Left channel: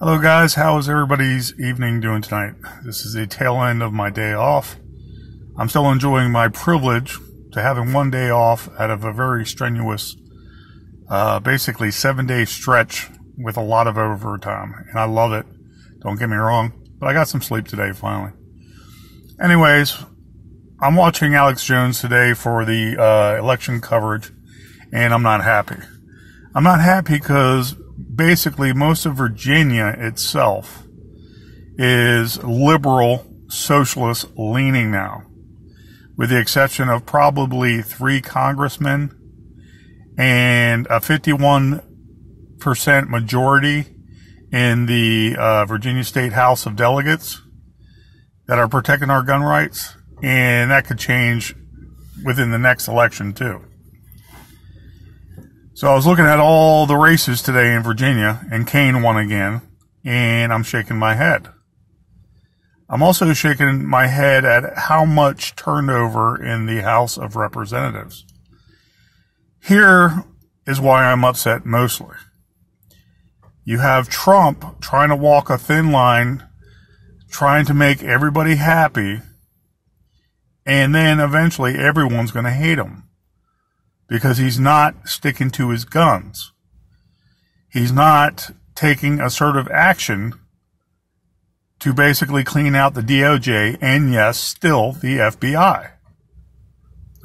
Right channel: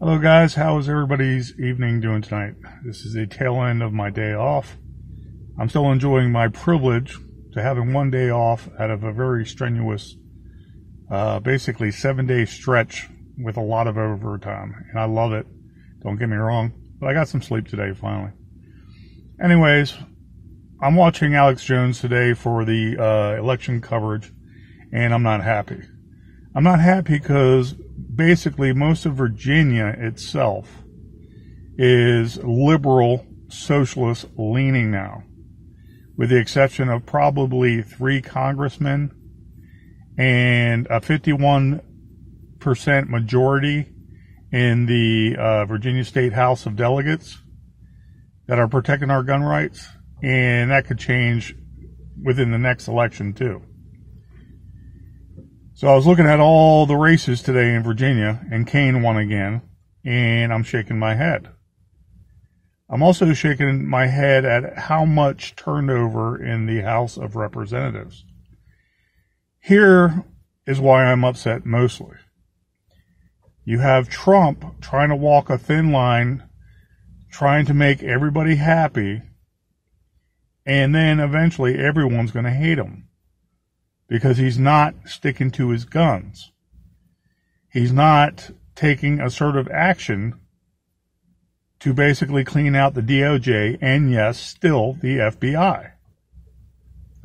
Hello guys, how is everybody's evening doing tonight? This is the tail end of my day off. I'm still enjoying my privilege to having one day off out of a very strenuous, basically 7-day stretch with a lot of overtime. And I love it, don't get me wrong, but I got some sleep today finally. Anyways, I'm watching Alex Jones today for the election coverage, and I'm not happy. I'm not happy because basically most of Virginia itself is liberal, socialist leaning now, with the exception of probably 3 congressmen and a 51% majority in the Virginia State House of Delegates that are protecting our gun rights, and that could change within the next election too. So I was looking at all the races today in Virginia, and Kane won again, and I'm shaking my head. I'm also shaking my head at how much turnover in the House of Representatives. Here is why I'm upset mostly. You have Trump trying to walk a thin line, trying to make everybody happy, and then eventually everyone's going to hate him. Because he's not sticking to his guns. He's not taking assertive action to basically clean out the DOJ and, yes, still the FBI.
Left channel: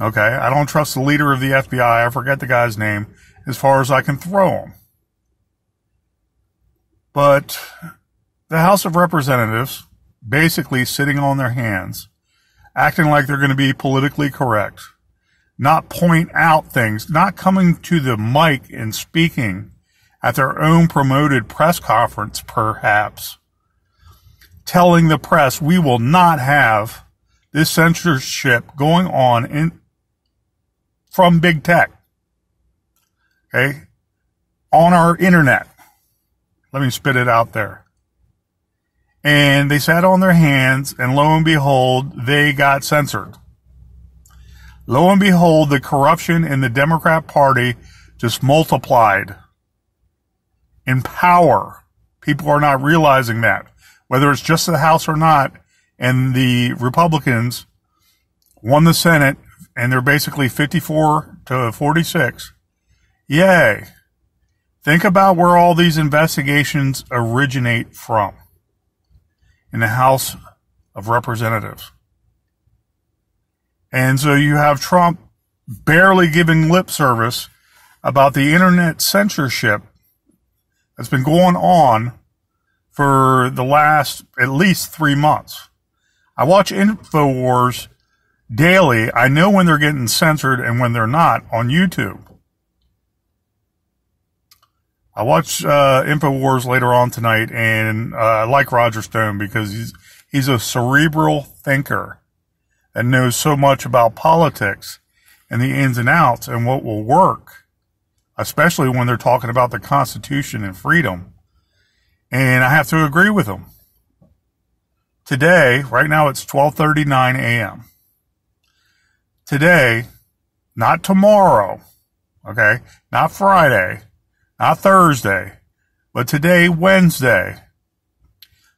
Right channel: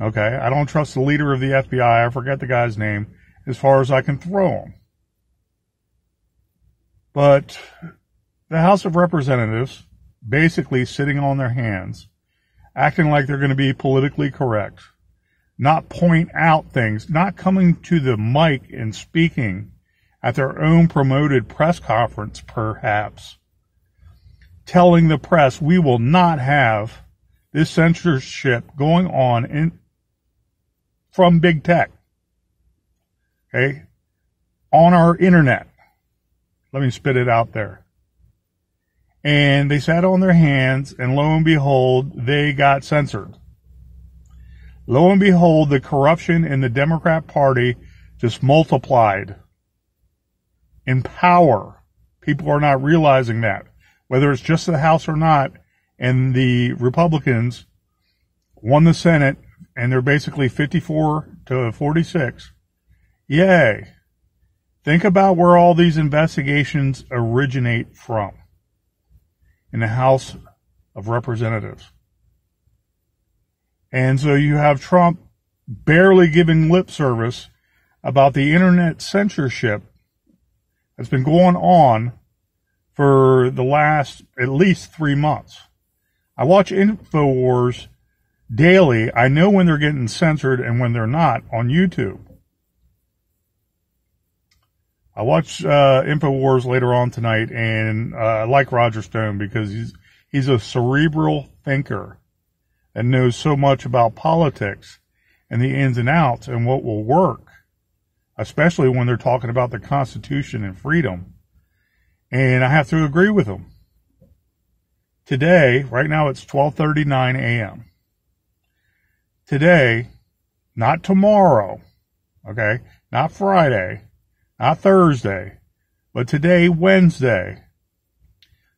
Okay, I don't trust the leader of the FBI, I forget the guy's name, as far as I can throw him. But the House of Representatives basically sitting on their hands, acting like they're going to be politically correct, not point out things, not coming to the mic and speaking at their own promoted press conference, perhaps, telling the press we will not have this censorship going on from big tech, okay, on our internet. Let me spit it out there. And they sat on their hands, and lo and behold, they got censored. Lo and behold, the corruption in the Democrat Party just multiplied in power. People are not realizing that. Whether it's just the House or not, and the Republicans won the Senate, and they're basically 54 to 46. Yay. Think about where all these investigations originate from. In the House of Representatives. And so you have Trump barely giving lip service about the internet censorship that's been going on for the last at least 3 months. I watch InfoWars daily. I know when they're getting censored and when they're not on YouTube. I watch InfoWars later on tonight, and I like Roger Stone because he's a cerebral thinker that knows so much about politics and the ins and outs and what will work, especially when they're talking about the Constitution and freedom. And I have to agree with him. Today, right now it's 12:39 a.m. Today, not tomorrow, okay, not Friday, not Thursday, but today, Wednesday,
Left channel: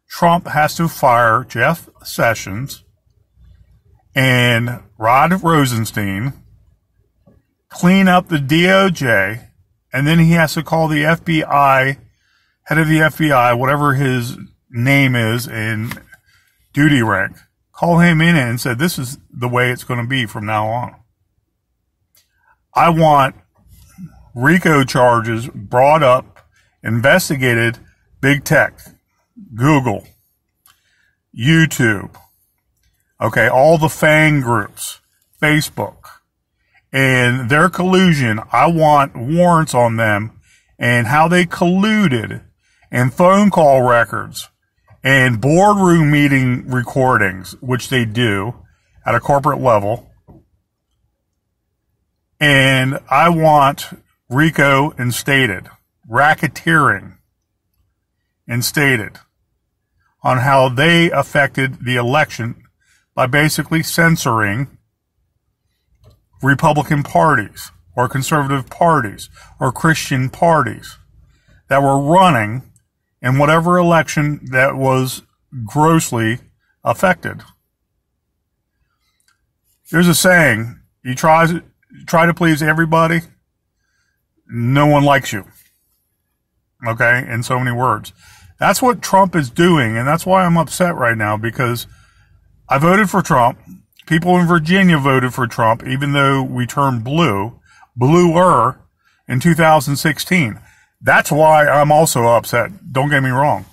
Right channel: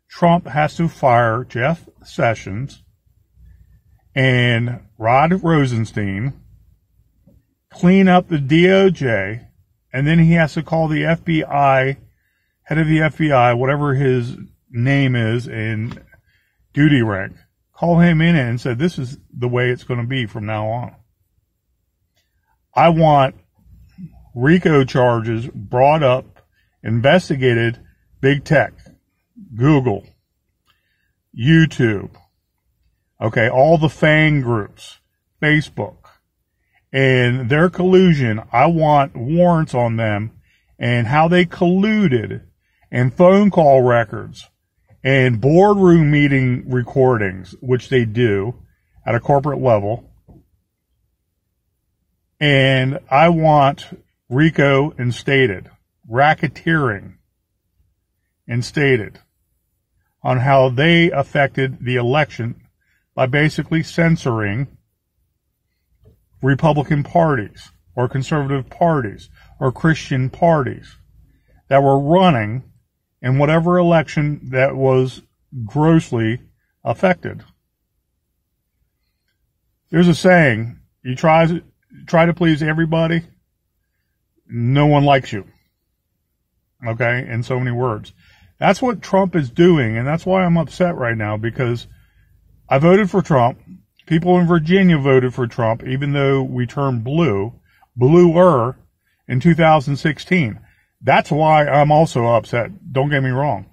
Trump has to fire Jeff Sessions and Rod Rosenstein, clean up the DOJ, and then he has to call the FBI, head of the FBI, whatever his name is in duty rank, call him in and say, this is the way it's going to be from now on. I want RICO charges brought up, investigated, big tech, Google, YouTube, okay, all the FANG groups, Facebook, and their collusion. I want warrants on them and how they colluded, and phone call records and boardroom meeting recordings, which they do at a corporate level. And I want RICO instated, racketeering instated on how they affected the election by basically censoring Republican parties or conservative parties or Christian parties that were running in whatever election that was grossly affected. There's a saying, you try to please everybody, no one likes you. Okay, in so many words. That's what Trump is doing, and that's why I'm upset right now, because I voted for Trump. People in Virginia voted for Trump, even though we turned bluer in 2016. That's why I'm also upset. Don't get me wrong.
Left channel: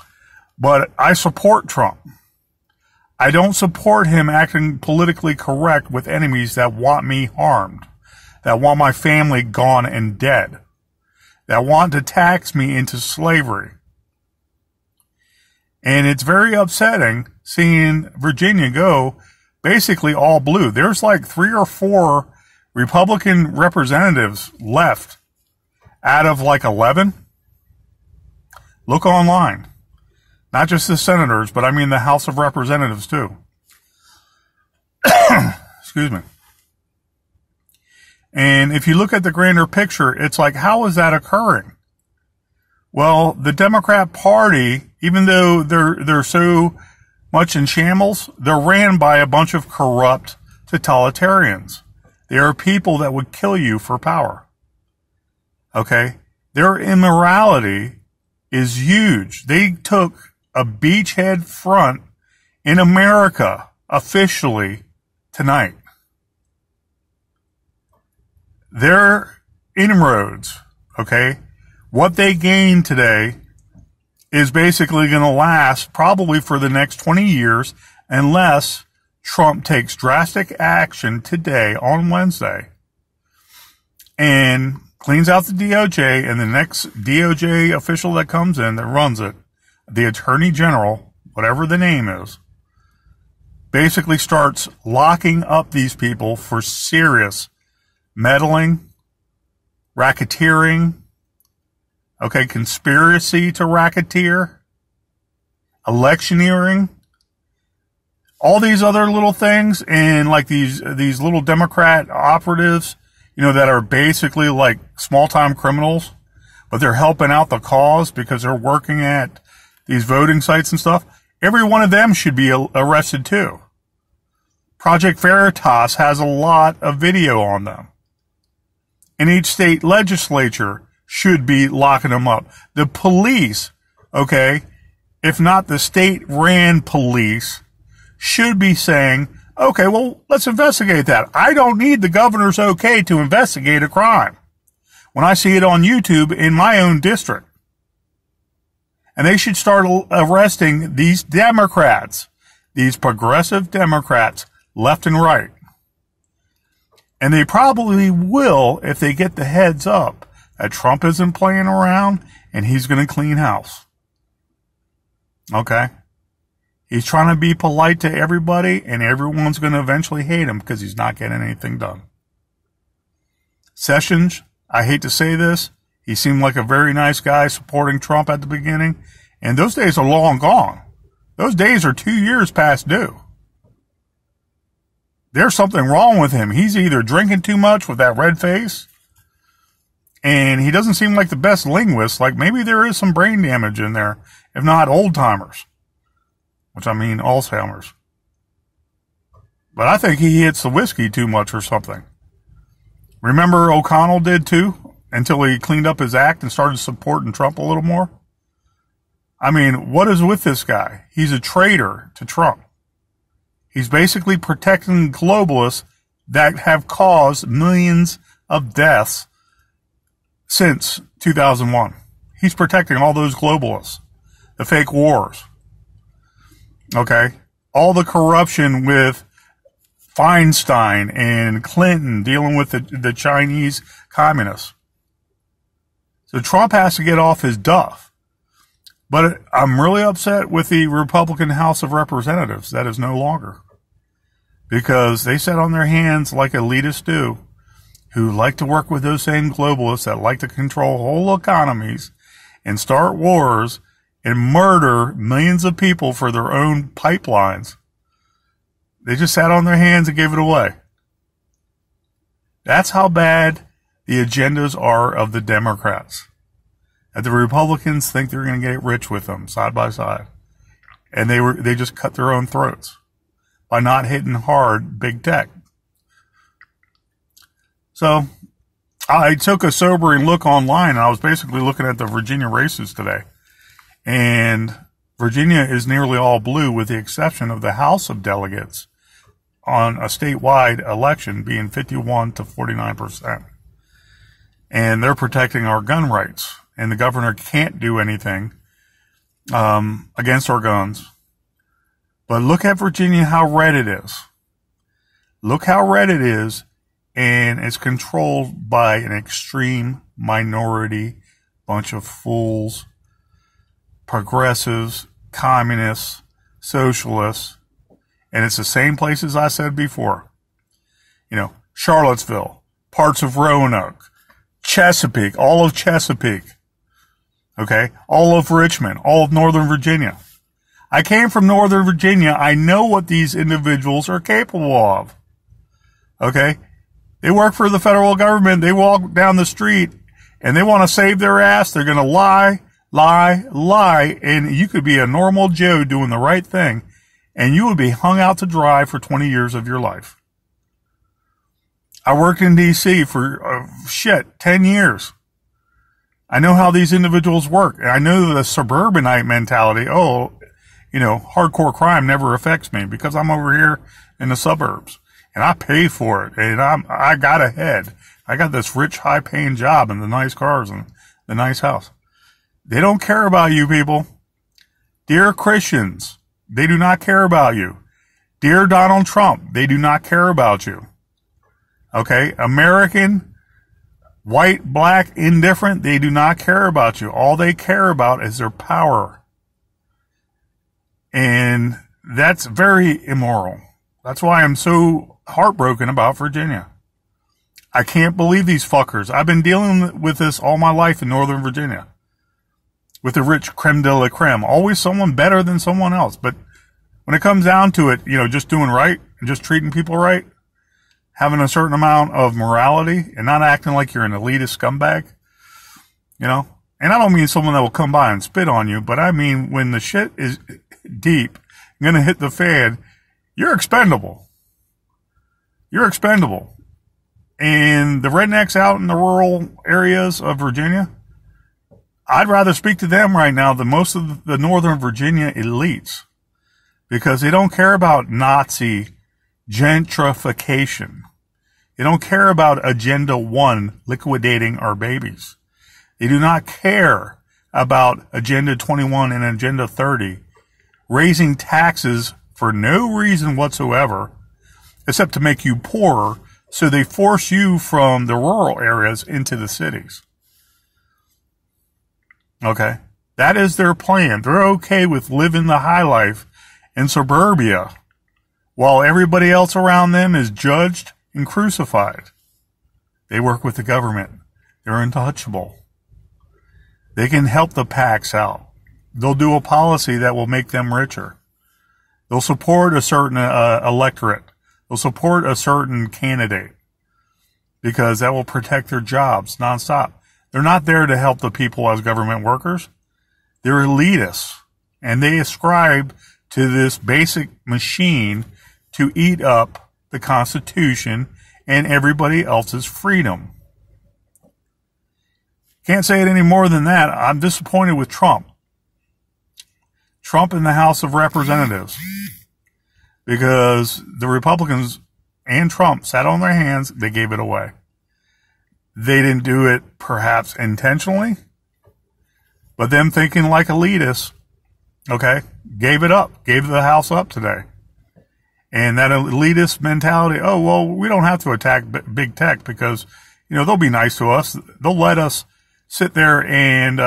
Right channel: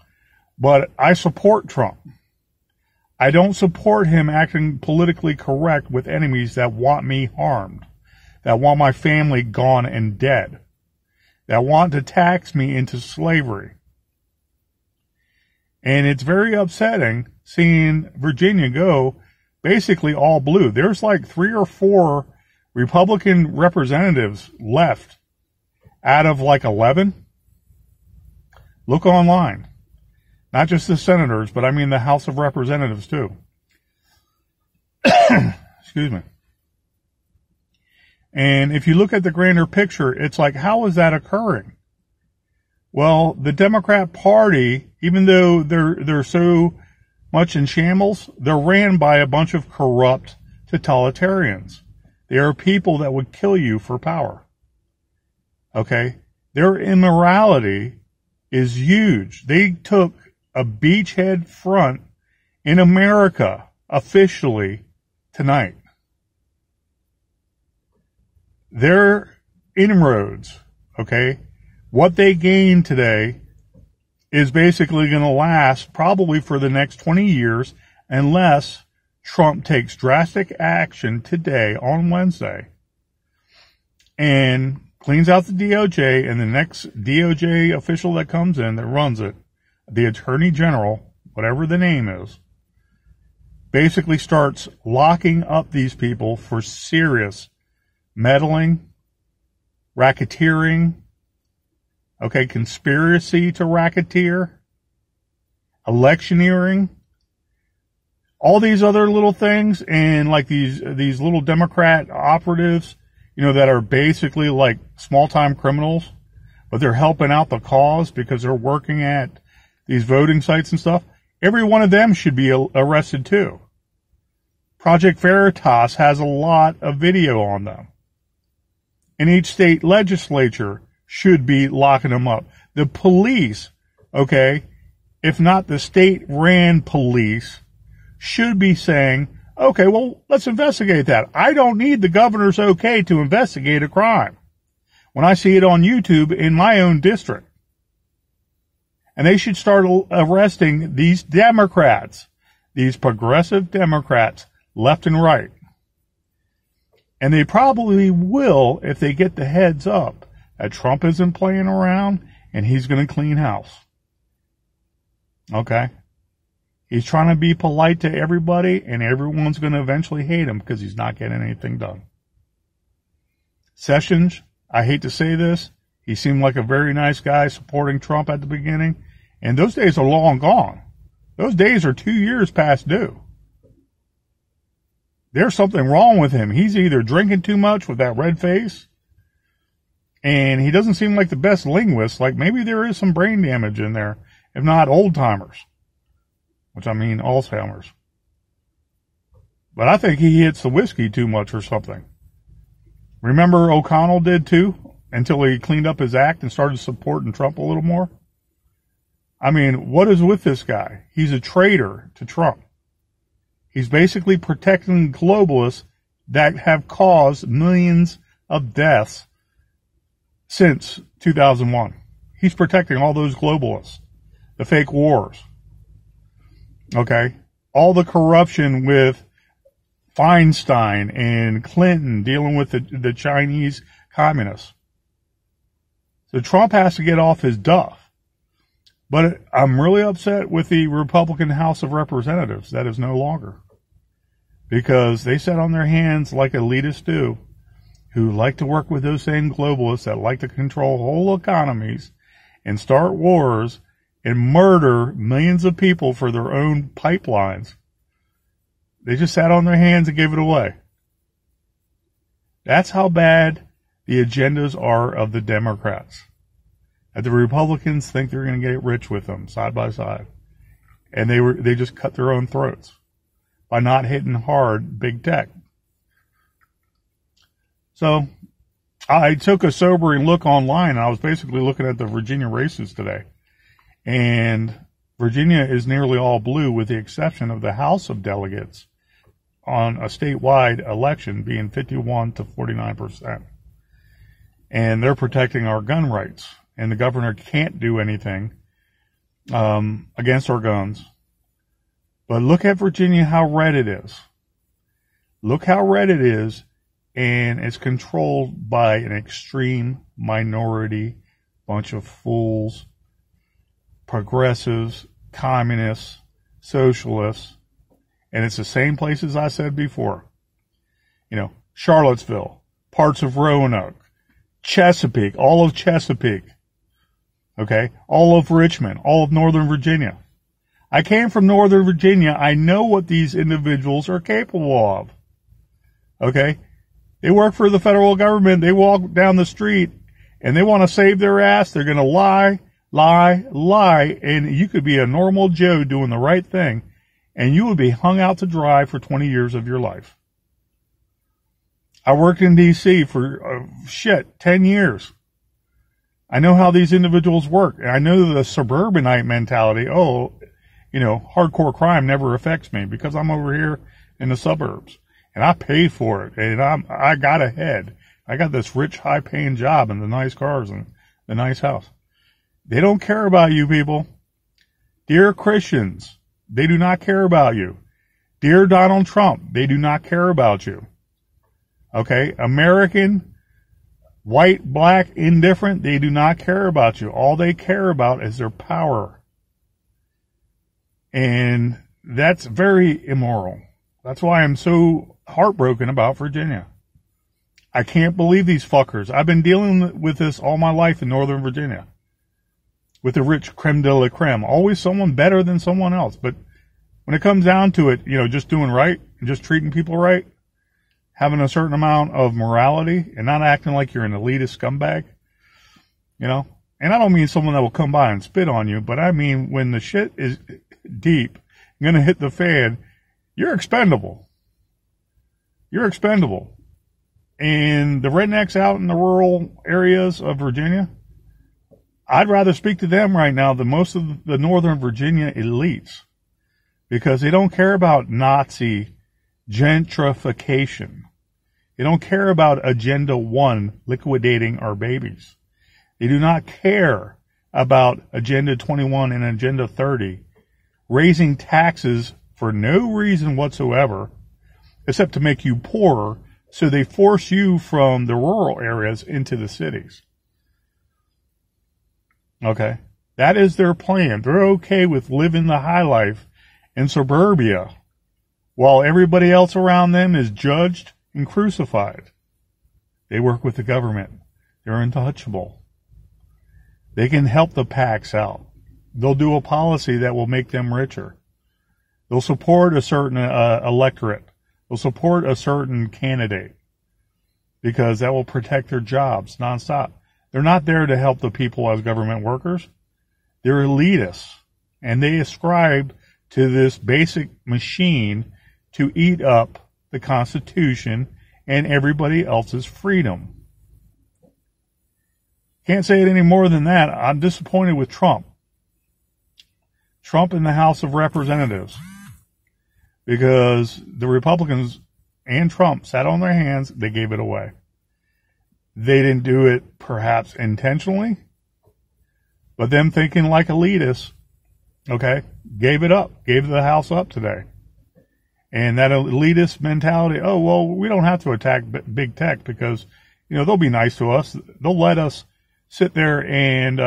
But I support Trump. I don't support him acting politically correct with enemies that want me harmed, that want my family gone and dead, that want to tax me into slavery. And it's very upsetting seeing Virginia go basically all blue. There's like 3 or 4 Republican representatives left out of like 11. Look online. Not just the senators, but I mean the House of Representatives too. Excuse me. And if you look at the grander picture, it's like, how is that occurring? Well, the Democrat Party, even though they're so much in shambles, they're ran by a bunch of corrupt totalitarians. They are people that would kill you for power. Okay? Their immorality is huge. They took a beachhead front in America officially tonight. Their inroads, okay, what they gained today is basically going to last probably for the next 20 years unless Trump takes drastic action today on Wednesday and cleans out the DOJ, and the next DOJ official that comes in that runs it, the Attorney General, whatever the name is, basically starts locking up these people for serious meddling, racketeering, okay, conspiracy to racketeer, electioneering, all these other little things, and like these little Democrat operatives, you know, that are basically like small-time criminals, but they're helping out the cause because they're working at these voting sites and stuff. Every one of them should be arrested too. Project Veritas has a lot of video on them. And each state legislature should be locking them up. The police, okay, if not the state-ran police, should be saying, okay, well, let's investigate that. I don't need the governor's okay to investigate a crime when I see it on YouTube in my own district. And they should start arresting these Democrats, these progressive Democrats, left and right. And they probably will if they get the heads up that Trump isn't playing around and he's going to clean house. Okay? He's trying to be polite to everybody, and everyone's going to eventually hate him because he's not getting anything done. Sessions, I hate to say this, he seemed like a very nice guy supporting Trump at the beginning, and those days are long gone. Those days are 2 years past due. There's something wrong with him. He's either drinking too much with that red face, and he doesn't seem like the best linguist. Like maybe there is some brain damage in there, if not old-timers. Which I mean Alzheimer's. But I think he hits the whiskey too much or something. Remember O'Connell did too, until he cleaned up his act and started supporting Trump a little more? I mean, what is with this guy? He's a traitor to Trump. He's basically protecting globalists that have caused millions of deaths since 2001. He's protecting all those globalists, the fake wars. Okay, all the corruption with Feinstein and Clinton dealing with the Chinese communists. So Trump has to get off his duff. But I'm really upset with the Republican House of Representatives that is no longer. Because they sat on their hands like elitists do, who like to work with those same globalists that like to control whole economies and start wars and murder millions of people for their own pipelines. They just sat on their hands and gave it away. That's how bad the agendas are of the Democrats. that the Republicans think they're going to get rich with them side by side. And they just cut their own throats by not hitting hard big tech. So I took a sobering look online, and I was basically looking at the Virginia races today. And Virginia is nearly all blue with the exception of the House of Delegates on a statewide election being 51 to 49%. And they're protecting our gun rights. And the governor can't do anything against our guns. But look at Virginia, how red it is. Look how red it is, and it's controlled by an extreme minority, bunch of fools, progressives, communists, socialists, and it's the same places I said before. You know, Charlottesville, parts of Roanoke, Chesapeake, all of Chesapeake, okay, all of Richmond, all of Northern Virginia. I came from Northern Virginia. I know what these individuals are capable of, okay? They work for the federal government. They walk down the street, and they want to save their ass. They're going to lie, and you could be a normal Joe doing the right thing, and you would be hung out to dry for 20 years of your life. I worked in D.C. for, 10 years. I know how these individuals work. I know the suburbanite mentality. Oh, you know, hardcore crime never affects me because I'm over here in the suburbs, and I pay for it, and I got ahead. I got this rich, high-paying job and the nice cars and the nice house. They don't care about you people. Dear Christians, they do not care about you. Dear Donald Trump, they do not care about you. Okay? American, white, black, indifferent, they do not care about you. All they care about is their power. And that's very immoral. That's why I'm so heartbroken about Virginia. I can't believe these fuckers. I've been dealing with this all my life in Northern Virginia. With the rich creme de la creme. Always someone better than someone else. But when it comes down to it, you know, just doing right, and just treating people right, having a certain amount of morality, and not acting like you're an elitist scumbag, you know. And I don't mean someone that will come by and spit on you, but I mean when the shit is deep, going to hit the fan, you're expendable. You're expendable. And the rednecks out in the rural areas of Virginia, I'd rather speak to them right now than most of the Northern Virginia elites, because they don't care about Nazi gentrification. They don't care about Agenda 1 liquidating our babies. They do not care about Agenda 21 and Agenda 30 raising taxes for no reason whatsoever, except to make you poorer, so they force you from the rural areas into the cities. Okay? That is their plan. They're okay with living the high life in suburbia, while everybody else around them is judged and crucified. They work with the government. They're untouchable. They can help the PACs out. They'll do a policy that will make them richer. They'll support a certain electorate. They'll support a certain candidate because that will protect their jobs nonstop. They're not there to help the people as government workers. They're elitists, and they ascribe to this basic machine to eat up the Constitution and everybody else's freedom. Can't say it any more than that. I'm disappointed with Trump. Trump in the House of Representatives, because the Republicans and Trump sat on their hands, they gave it away. They didn't do it perhaps intentionally, but them thinking like elitists, okay, gave it up, gave the House up today. And that elitist mentality, oh, well, we don't have to attack big tech because, you know, they'll be nice to us. They'll let us sit there and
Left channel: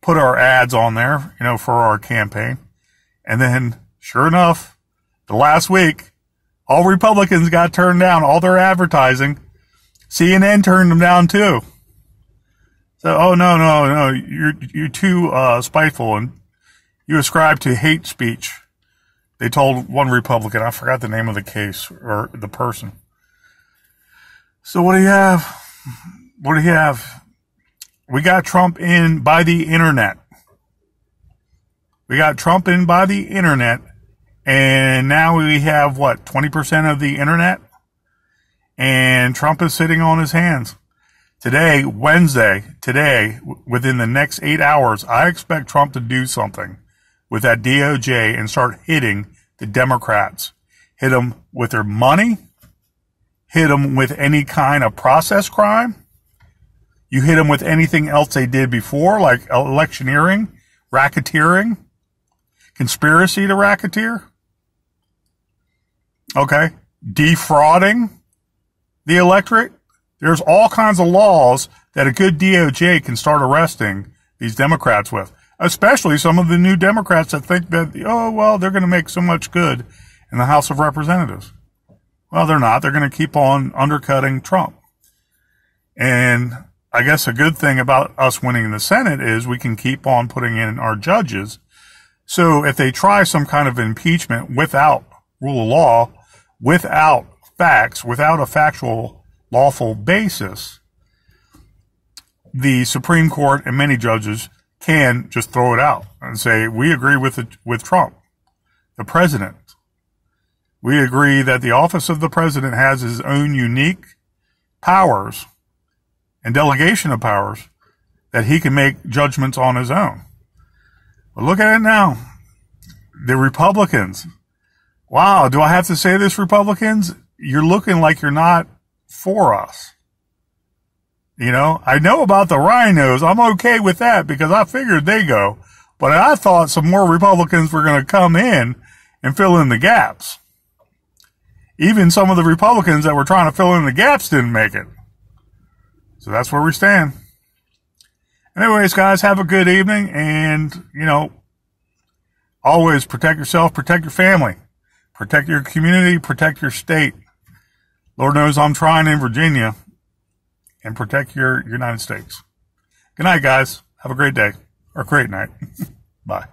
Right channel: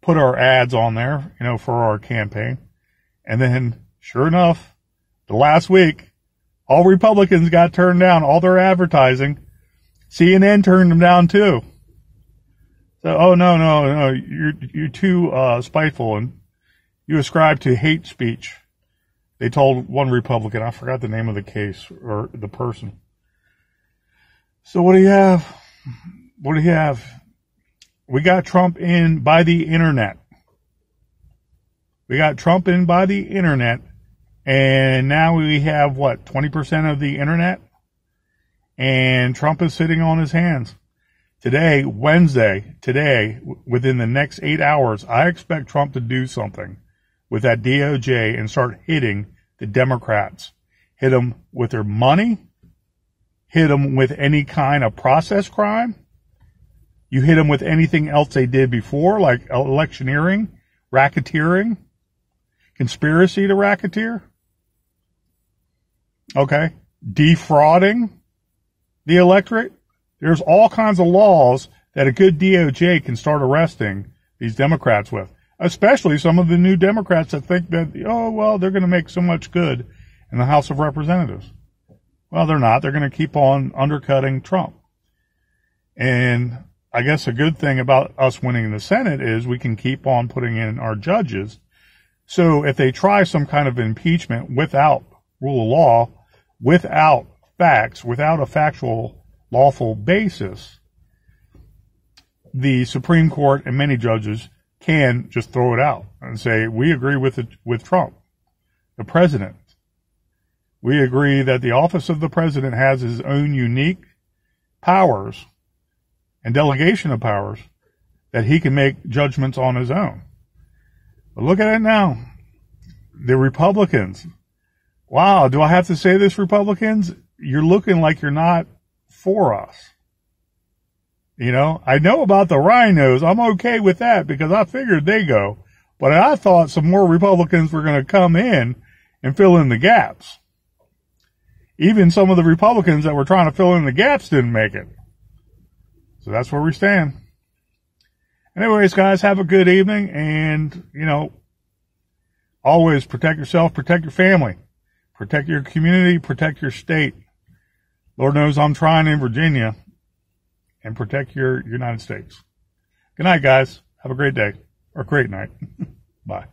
put our ads on there, you know, for our campaign. And then, sure enough, the last week, all Republicans got turned down, all their advertising. CNN turned them down too. So, oh, no, you're too spiteful, and you ascribe to hate speech. They told one Republican, I forgot the name of the case, or the person. So what do you have? What do you have? we got Trump in by the internet. We got Trump in by the internet, and now we have, 20% of the internet? And Trump is sitting on his hands. Today, Wednesday, within the next 8 hours, I expect Trump to do something with that DOJ and start hitting the Democrats. Hit them with their money. Hit them with any kind of process crime. You hit them with anything else they did before, like electioneering, racketeering, conspiracy to racketeer. Okay? Defrauding the electorate. There's all kinds of laws that a good DOJ can start arresting these Democrats with, especially some of the new Democrats that think that, they're going to make so much good in the House of Representatives. Well, they're not. They're going to keep on undercutting Trump. And I guess a good thing about us winning the Senate is we can keep on putting in our judges. So if they try some kind of impeachment without rule of law, without facts, without a factual lawful basis, the Supreme Court and many judges can just throw it out and say, we agree with Trump, the president. We agree that the office of the president has his own unique powers and delegation of powers that he can make judgments on his own. But look at it now. The Republicans. Wow, do I have to say this, Republicans? You're looking like you're not for us. I know about the rhinos. I'm okay with that because I figured they go. But I thought some more Republicans were going to come in and fill in the gaps. Even some of the Republicans that were trying to fill in the gaps didn't make it. So that's where we stand. Anyways, guys, have a good evening. And, always protect yourself, protect your family, protect your community, protect your state. Lord knows I'm trying in Virginia. And protect your United States. Good night, guys. Have a great day. Or great night. Bye.